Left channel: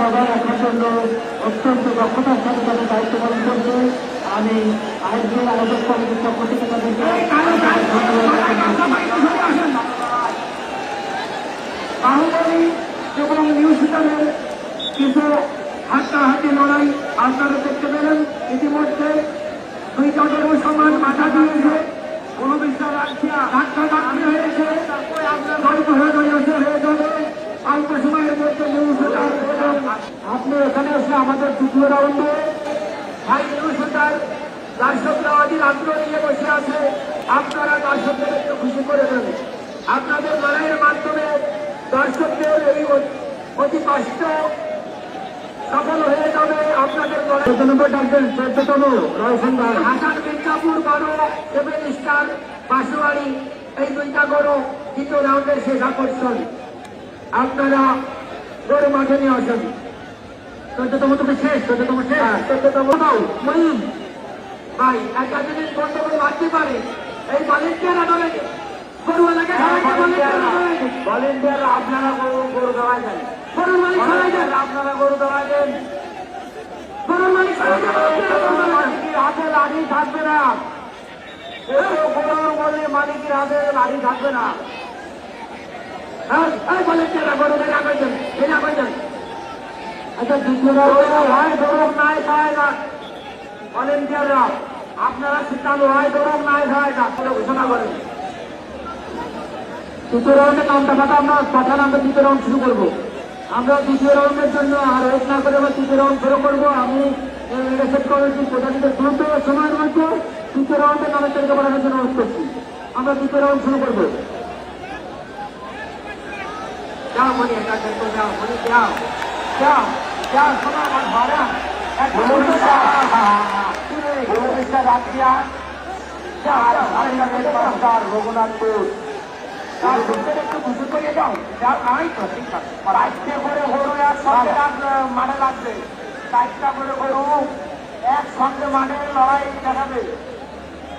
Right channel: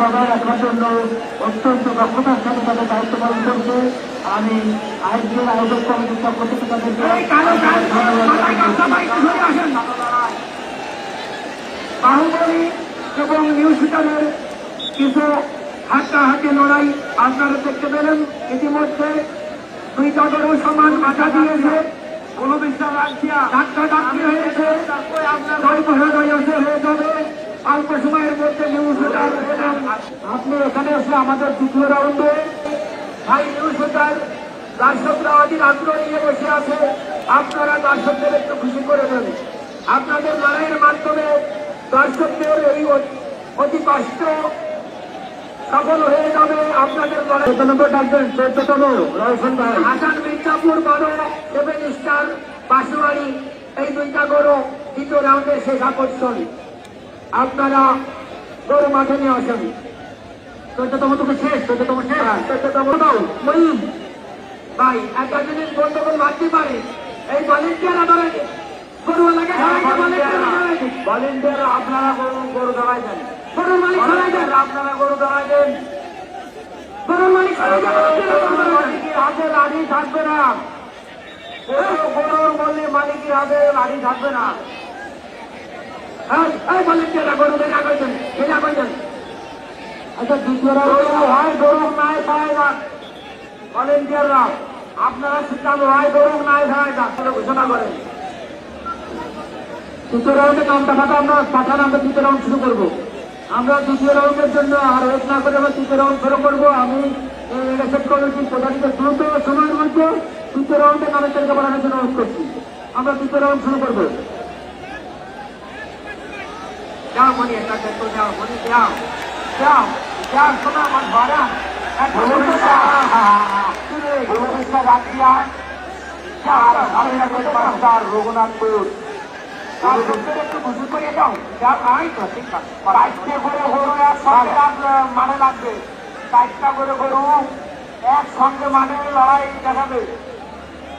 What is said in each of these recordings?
বজায় রাখার জন্য অত্যন্ত দক্ষতার সাথে তাদের দায়িত্ব পালন করছে। আমি আইপিএল আয়োজক কমিটির পক্ষ থেকে তাদেরকে বাহুবলী এবং নিউজ হিসাবে কিছু হাড্ডাহাড্ডি লড়াই আপনারা করতে পারেন। ইতিমধ্যে দুই দলেরও সমান বাধা দিয়েছে, কোনো বিশ্বাস ধাক্কাধাক্কি হয়েছে, গল্প হয়ে গেছে হয়ে যাবে অল্প সময়ের মধ্যে নিউজ হিসার। আপনি এখানে এসে আমাদের তৃতীয় রাউন্ডে ভাই নিউজ হিসার দর্শকরা অধিক আগ্রহ নিয়ে বসে আছে। আপনারা দর্শকদের একটু খুশি করে দেন। আপনাদের লড়াইয়ের মাধ্যমে দর্শকদের এই অতি কষ্ট সফল হয়ে যাবে। আপনাদের হাসান মির্জাপুর গড়, সেভেন স্টার বাসুয়ারি, এই দুইটা গড় দ্বিতীয় রাউন্ডের শেষ আকর্ষণ। আপনারা গরু মাঠে নিয়ে আসেন। 14তম থেকে শেষ, 14তম শেষ, 14তম মরিম ভাই একটা জিনিস বন্ধ করে মারতে পারে। এই ভলেন্টিয়ার ধরেন গরুওয়ালাকে ভলেন্টিয়ার আপনারা গরু ধরাই দেন, গরু মালিক ধরাই দেন, আপনারা গরু ধরাই দেন, গরু মালিক হাতে লাঠি থাকবে না। গরুর বললে মালিকের হাতে লাঠি থাকবে না। হ্যাঁ ভলেন্টিয়ার গরু দেখা করবেন, এটা করবেন। আচ্ছা হয় গরু নাই খায় না ভলেন্টিয়াররা, আপনারা শিক্ষানো হয় গরু নাই খায় না, ঘোষণা করেন। তৃতীয় রাউন্ডে নামটা ফাটা আমরা পাঠা নামটা তৃতীয় রাউন্ড শুরু করবো। আমরা দ্বিতীয় রাউন্ডের জন্য আর ওয়েট না করে আমরা তৃতীয় রাউন্ড শুরু করবো। আমি ইলেকশন কমিটির প্রধানিত দ্রুত সময়ের মধ্যে তৃতীয় রাউন্ডে নামের তালিকা বানানোর জন্য অনুরোধ করছি। আমরা তৃতীয় রাউন্ড শুরু করবো। যাও মনে যাও মনে যাও যাও যাও শোনা আমার ভাড়া রঘুনাথপুর একটু খুশি করে দাও। যা নাই তো ঠিক আছে, বাইশটা করে হলো একসঙ্গে মানে লাগবে, বাইশটা করে হলো একসঙ্গে মানে লড়াই দেখাবে।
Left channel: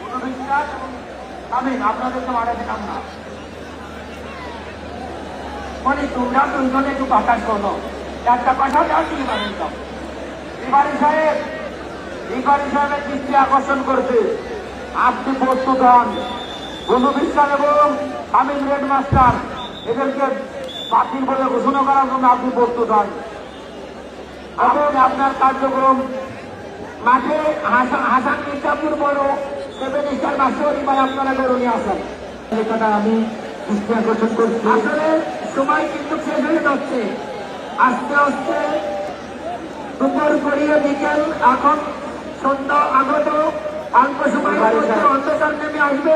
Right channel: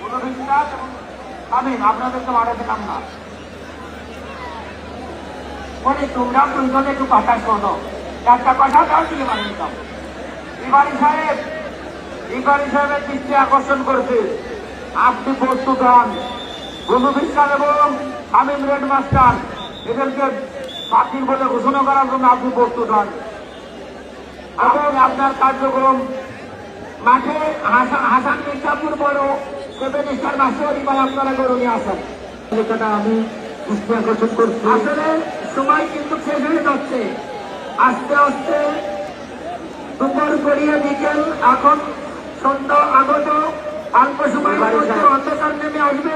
কোনো বিশ্বাস আমি আপনাদের তো মারা দিলাম না। মানে তোমরা দুইজনে একটু কথা শোনো, একটা কথা দাও তুমি মানিতাম। বিবাড়ি সাহেবের দৃষ্টি আকর্ষণ করছে, আপনি প্রস্তুত হন। গণবিজ্ঞান এবং আমিন রেড মাস্টার এদেরকে বাতিল বলে ঘোষণা করার জন্য আপনি প্রস্তুত হন এবং আপনার কার্যক্রম মাঠে হাসান মির্জাপুর বড় সেভেন স্টার বাসুয়ারি বা আপনারা গরু নিয়ে আসেন। আমি দৃষ্টি আকর্ষণ করছি। আসলে সময় কিন্তু শেষ হয়ে যাচ্ছে, আস্তে আস্তে দুপুর গড়িয়ে বিকেল, এখন সন্ধ্যা আগত, অল্প সময় অন্ধকার নেমে আসবে।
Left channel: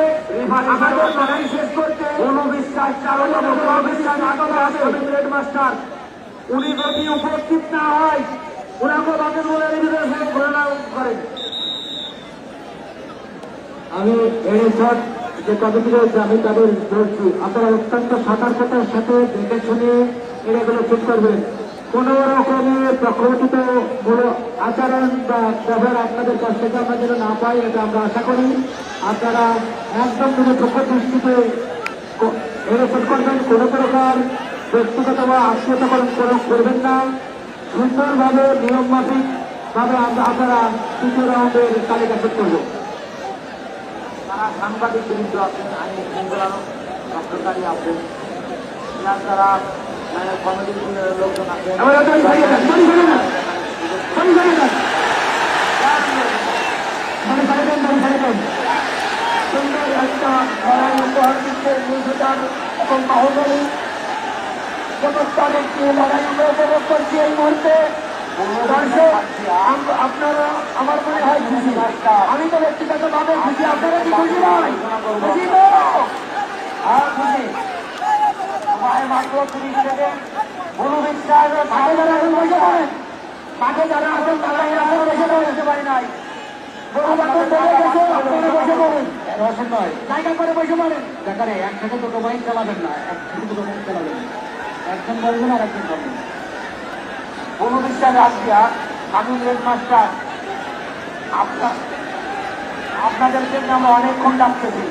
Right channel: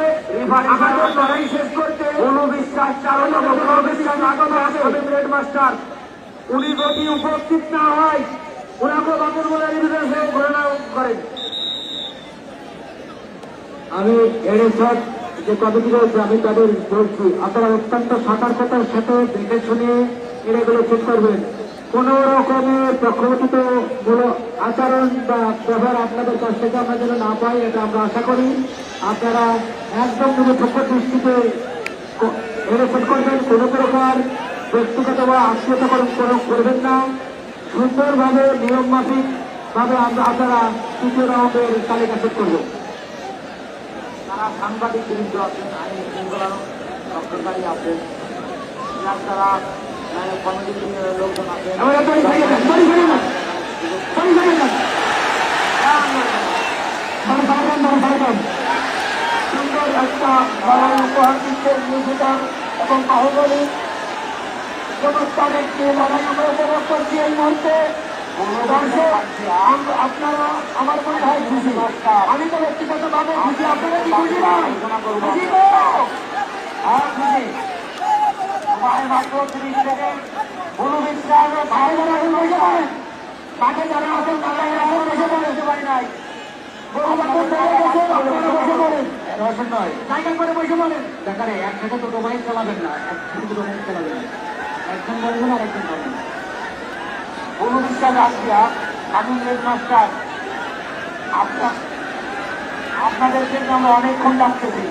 আমাদের লড়াই শেষ করতে কোনো বিশ্বাস কারণ বিশ্বাস আগত আছে রেড মাস্টার। উনি যদি উপস্থিত না হয় ওনাকে তাদের ঘোষণা করেন। আমি এই সব যে কমিটি রয়েছে আমি তাদের বলছি, আপনারা অত্যন্ত সতর্কতার সাথে দেখে শুনে এগুলো ঠিক করবেন। কোন রকমের প্রকৃত আচরণ বা ব্যবহার আপনাদের কাছ থেকে আমরা যেন না পাই, এটা আমরা আশা করি। আপনারা একদম নিরপেক্ষ দৃষ্টিতে এরকম করবেন, কোনো প্রকার ব্যক্তিগত বা আত্মীয়তাকরণ করবেন না। সুন্দরভাবে নিয়ম মাফিক ভাবে আপনারা তৃতীয় রাউন্ডের তালিকা ঠিক করব। সাংবাদিক বৃন্দ আছেন, সরকারি আছেন, যারা লোকজন আছেন, সুন্দর একটা লড়াই উপহার দিচ্ছে নিউজিল্যান্ড এবং বাহুবলী ব্যবস্থা দেখছে। লড়াই উপভোগ করছি এই মুহূর্তে। আপনারা আমার মনে হয় খুশি, আমি তো ব্যক্তিগতভাবে খুশি। আপনারা কি খুশি নয়? খুশি তো? হ্যাঁ খুশি। মাত্র 30 সেকেন্ড। কোনো বিশ্বাস কাকে যারা এখন বসে পড়েন, কাকে যারা আছেন তারা এখন বসে পড়েছে পারি নাই। জায়গা করে বসে পড়েন। দেখারে একসাথে তো মোবাইল চালাবেন না, একসাথে মোবাইল চালাবেন না, একজন বলবেন আর একজন বলবেন। কোনো বিশ্বাস আসিয়া আমি রেড মাস্টার আপনাদেরকে আমরা অনেকক্ষণ ডাকতেছি,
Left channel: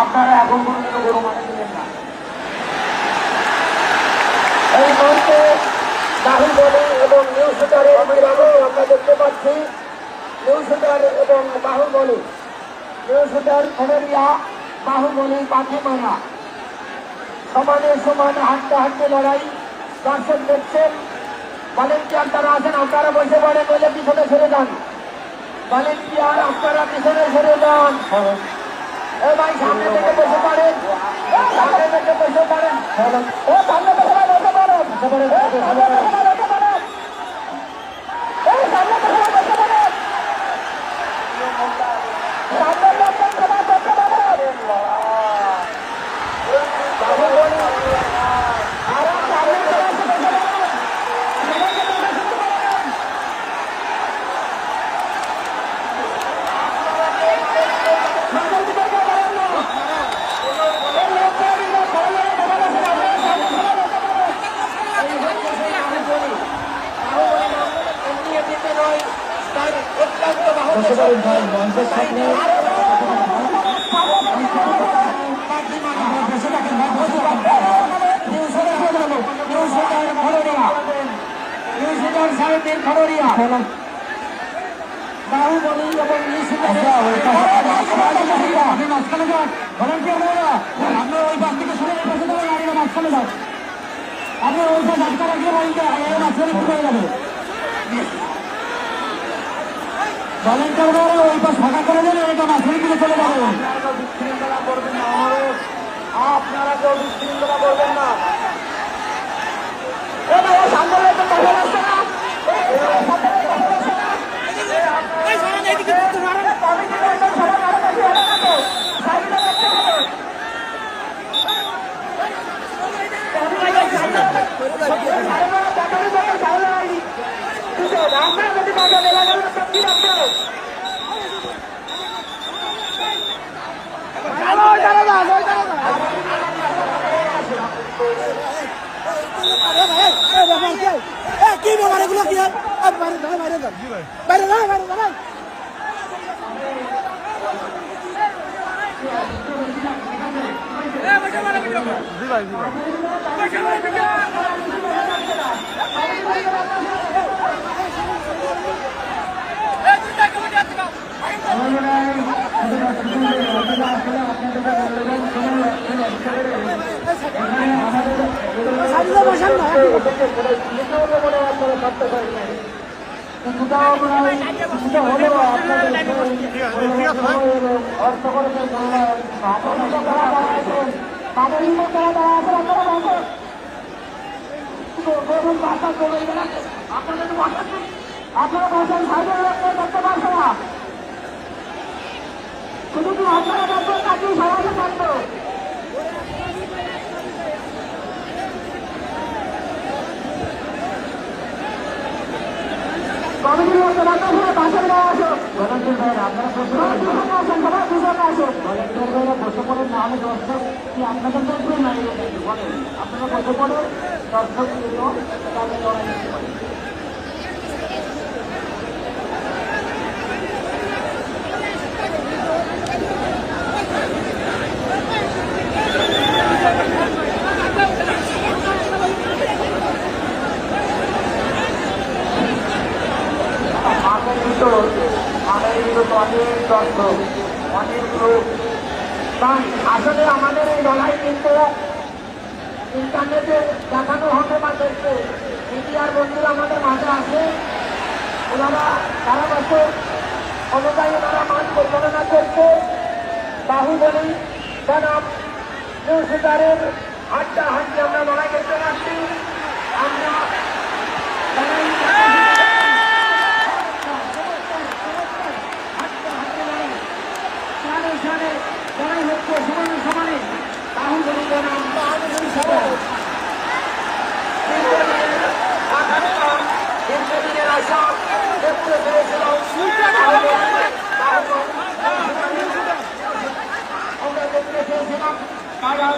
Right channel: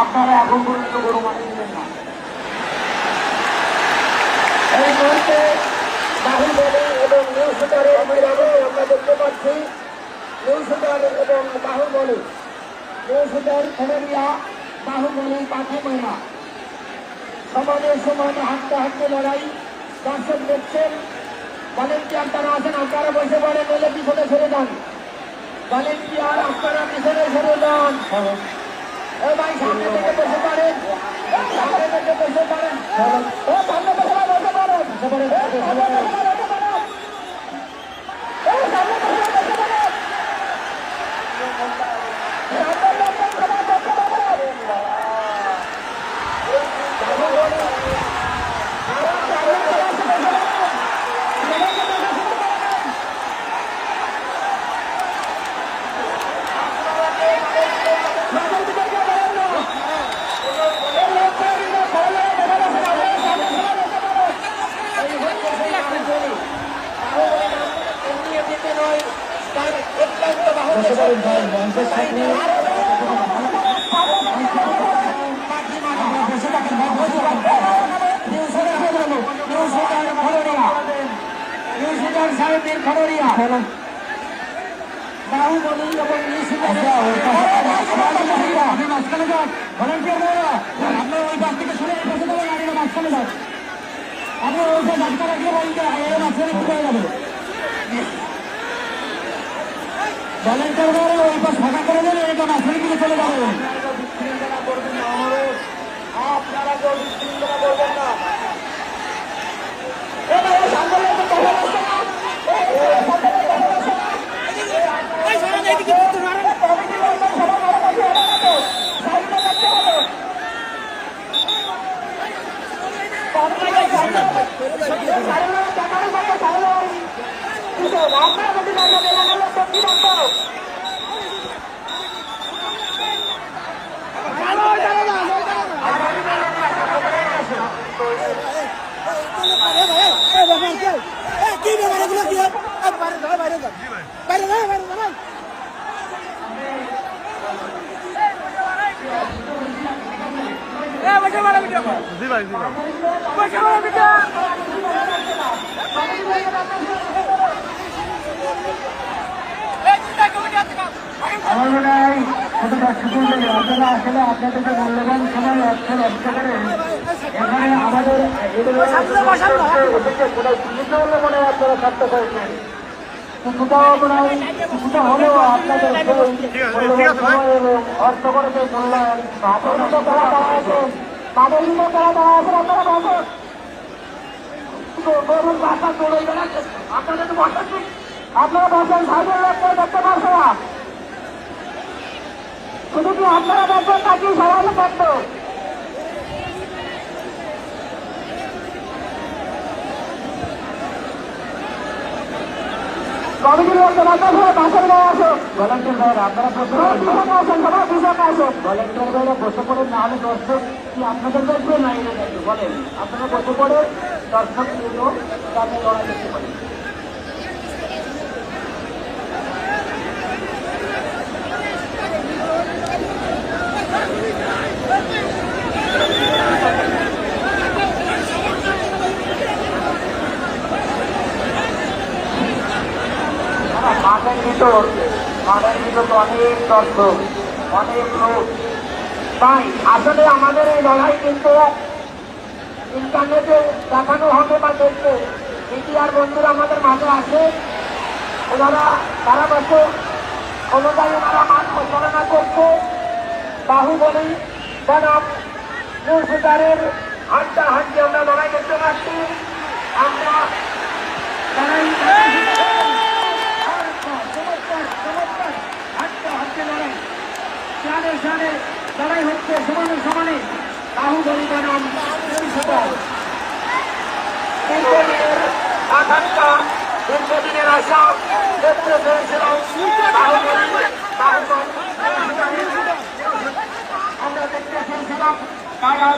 আপনারা এখন পর্যন্ত গরু মাটি দিলেন না। এই মুহূর্তে বাহুবলী এবং সুতারের বিরামে আমরা দেখতে পাচ্ছি নিউ সুতার এবং বাহুবলী, নিউ সুতার খবরিয়া বাহুবলী পাখি মানা সমানে সমানে হাঁটতে হাঁটতে লড়াই। দর্শক দেখছেন, ভলেন্টিয়ার তারা আছেন, আপনারা বসে পড়েন, বলে পিছনে সরে যান। ভলেন্টিয়ার আপনারা পিছনে সরে যান। এ ভাই সামনে থেকে বসে পড়েন, সামনে থেকে বসে পড়েন, ও সামনে থেকে বসে পড়েন, সামনে থেকে বসে পড়েন। বাহুবলী এবং আপনার ওই বাস থেকে শুনে মাঝখানে যান, আপনার ওই ডাক্তার আগে মাঝখানে কি হয়ে যাবে। ভলেন্টিয়ার ওই পাশ ফাঁকা করে দিলে এটা মাঝখানে দিকে চলে যাবে। বিশৃঙ্খলা করবেন না, আপনারা কেউ বিশৃঙ্খলা করবেন না। কি ব্যাপার এগুলো কি বাইরে বাইরে জি ভাই, জি ভাই। ঠিক আছে ভাই। আপনারা বলছেন সার্ভে করতে পারছে না, শুধু কি আপনারা বলছেন নাকি সবাই করতো? কমিটির মধ্যে পাশের গায়ে আসো, বসে পড়ে না, আমি দর্শক কি আপনাদের বলবো না, বলেন আপনারা বসে পড়ে দর্শক দেবো। অনেক দর্শক, অনেক লোক, তাই আসলে আমাদের এই লড়াই কিন্তু ইন্টারনেটে দেখানো হবে বা দেখবে। মিডিয়ার বন্ধুরা আমাদের মাঝে আসে, ওনারা তারা বসে অনুযায়ী ওনারা মাঠ পরিচালনা করছে। বাহুবলী বনাম নিউ সুতারের হাড্ডা হাড্ডি আমরা লড়াই করতে পারছি। আমরা লড়াই হচ্ছে সমানে সমানে। বাহুবলী বনাম নিউ সুতার, দীর্ঘদিনের আশা সত্য করেছিলাম। আমরা দেখতে চেয়েছিলাম তারা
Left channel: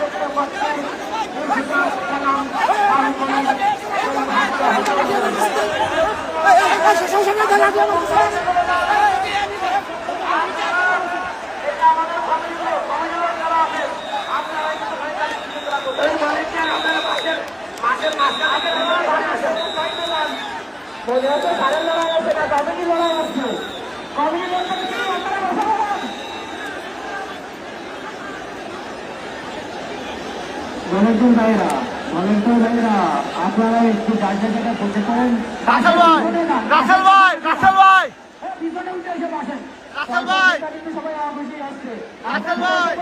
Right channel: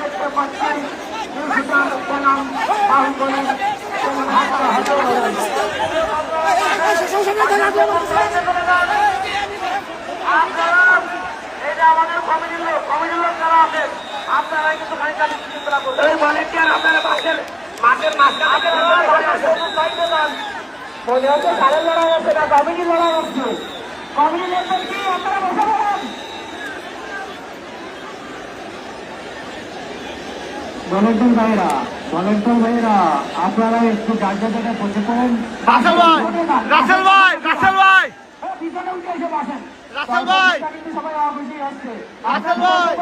দেখতে পাচ্ছেন আপনারা মনে হচ্ছে সাড়ে লড়াই হচ্ছে না, কমিটি লড়াই হচ্ছে। কমিটি মেম্বার কি আপনারা বসে বলেন? ভলেন্টিয়ার ভাইরা আপনারা একটু বাইরে থেকে বসে পারেন। রাসেল ভাই, রাসেল ভাই, রাসেল ভাই, পিছনে উঠে এসে বসেন। রাসেল ভাই, সবাই অফিসে আসছে। রাসেল ভাই,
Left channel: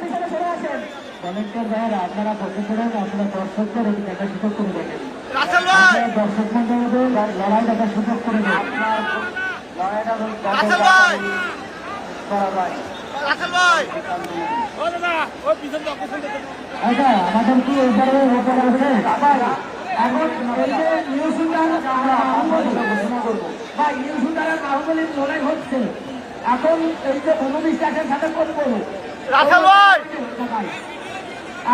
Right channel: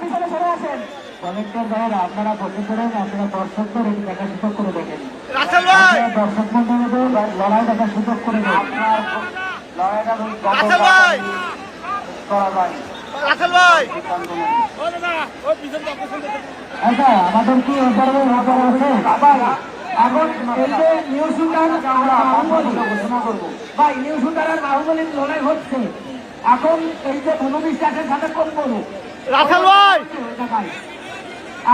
পিছনে সরে আসেন। ভলেন্টিয়ার ভাইরা আপনারা বসে পড়েন, আপনারা দর্শকদের একটু দেখার সুযোগ করে দেবেন। রাসেল ভাই, দর্শক মন্ডলীদের লড়াই দেখার সুযোগ করে দেবেন। রাসেল ভাই, রাসেল ভাই। আচ্ছা, আমাদের কি এবারে নজর আছে? এখন এই যে নিউ সুলতান ঘোষণা করবো ভাই, নিউ সুলতানের বাহুবলীর লড়াই হচ্ছে। এখন এই যে 19টাকের সাথে কোন করবো রাসেল ভাই,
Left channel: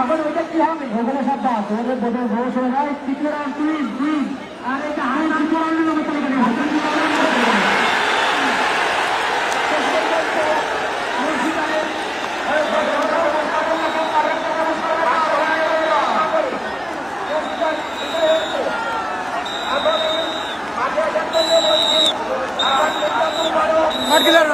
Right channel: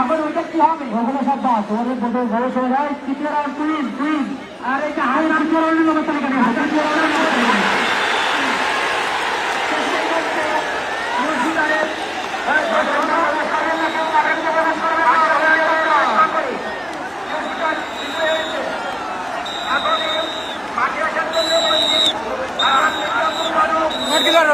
এখন ওটা কি হবে? ওখানে সব বাস, ওখানে বোধহয় বয়স হয়ে যায়, তৃতীয় রাউন্ড তিন। আর এটা হাই তৃতীয় রাউন্ডের অবস্থা কেন? মার্কিন